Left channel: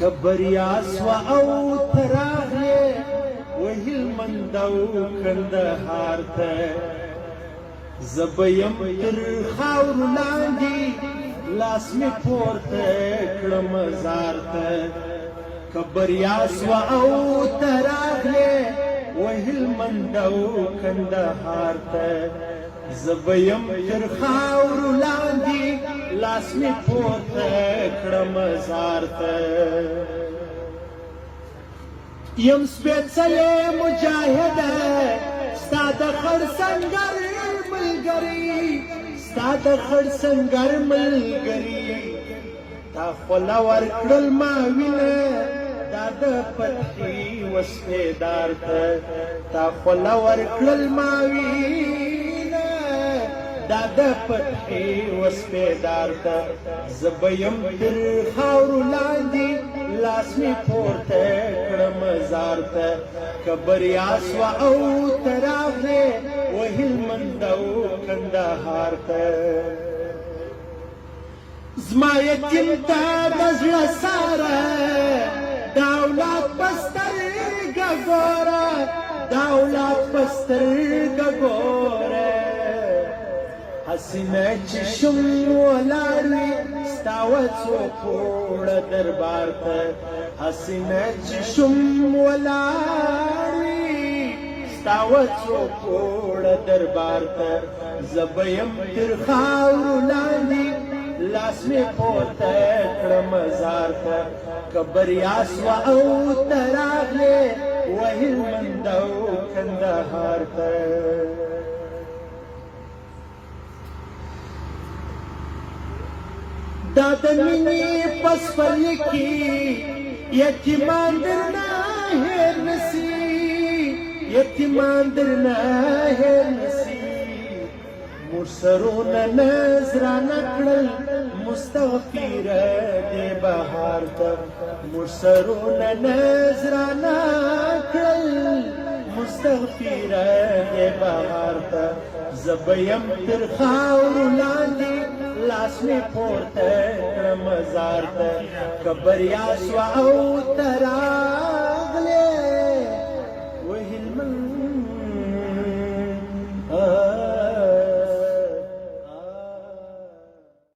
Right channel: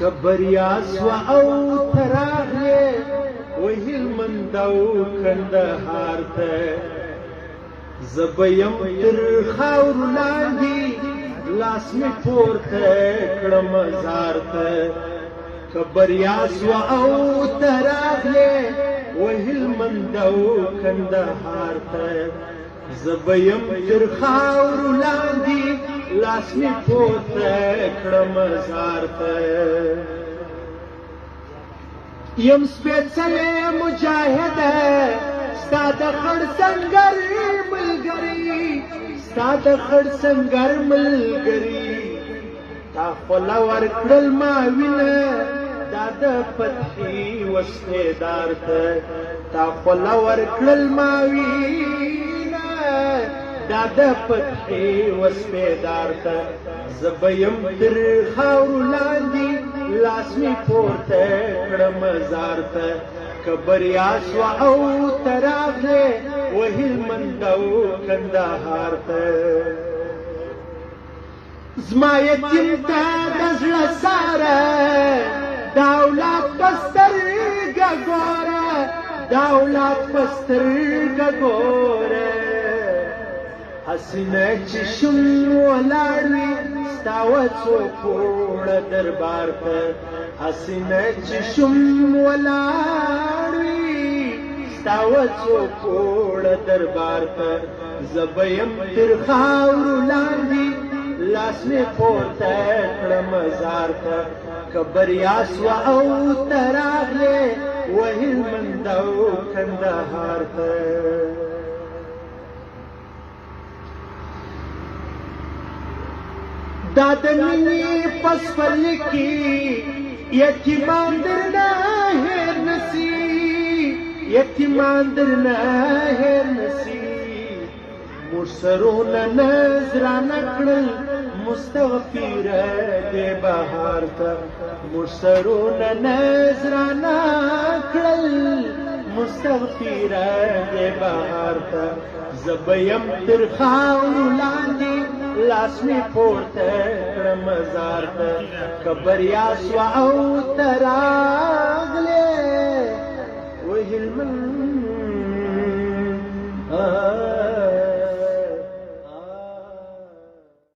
کبریا سوا او تراغلې وهلمند او کندهار ته زبیم تر خاورو لاندې لاس مې پورته کړم زار ته کبریا سوا او تراغلې وهلمند او کندهار ته زبیم تر خاورو لاندې لاس مې پورته کړم زار ته یم سپېڅلی مجاهده ستا د خړ سنګر ملګري ستا د خړ سنګر ملګري تا خوله ورکړل ما وینه دا د فتحې وسپېدار ته تا خوله ورکړل ما وینه دا د فتحې وسپېدار ته زه به یم تر خاورو لاندې لاس مې پورته کړم زار ته که بریا سوه او ته راغلې وهلمند او کندهار ته زما یتیم ته د زړه ساره د اولاد په سترګه ګوره د اولاد په سترګه ګوره حسینه چې شم ولاړ وي ستا وڅو پوړه دربار ته حسینه چې شم ولاړ وي ستا وڅو پوړه دربار ته زه به یم تر خاورو لاندې لاس مې پورته کړم زار ته که بریا سوه او ته راغلې وهلمند او کندهار ته دا د مینې په سپرلي کې یتیمان درنه هېر نسي یتیمان درنه هېر نسي موږ سرونه نذرانه کړل مستغفره دې بهار ته موږ سرونه نذرانه کړل مستغفره دې بهار ته زه به یم تر خاورو لاندې لاس مې پورته کړم زار ته که بریا سوه او ته